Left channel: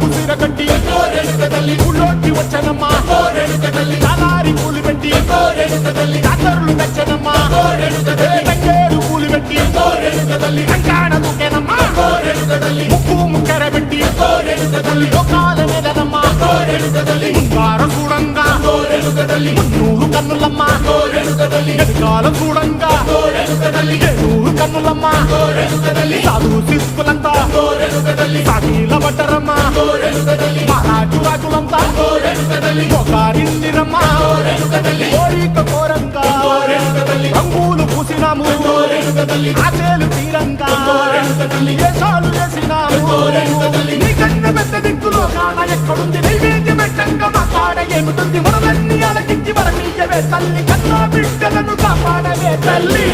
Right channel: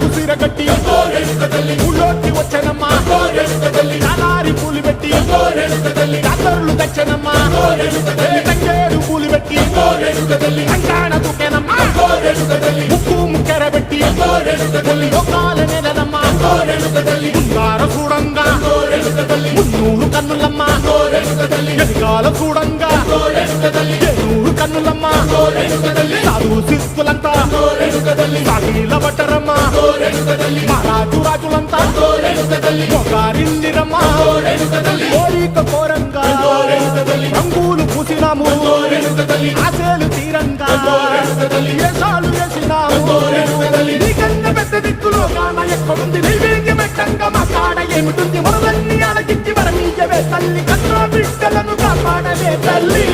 కుసిర కట్టి ఊళ్ళోకి వచ్చనమ్మా చాలారి పూలు పెట్టి జాతరులు తెచ్చనమ్మా తంగేడు పూలు పెట్టి కంకాణ దూకేనమ్మా ముక్కు ముక్కెర పెట్టి ముల్లోకాల నెలనమ్మా ముందార చూడంగా మున్నూరు కన్నులమ్మా వెనకాల చూడంగా ఏనూరు కన్నులమ్మా సాధువు సిద్ధులంతా సాగిల బట్టరమ్మా మహారాజు రాజులంతా మొగారిల్లిరమ్మా కోరిక కోరంగా రంగులు పూసినాము ఆశలు తీరంగా ఏసాలు వేసినాము నీకన్నా పెద్ద దిక్కులో కాన ఎక్కడుంది నైవేద్యం ఎట్టంగా మా కాడ ఏమిటుంది మనలన్నీ అలకిచ్చి వరమీయవే తల్లి కన్నా బిడ్డలను కాపాడవే తల్లి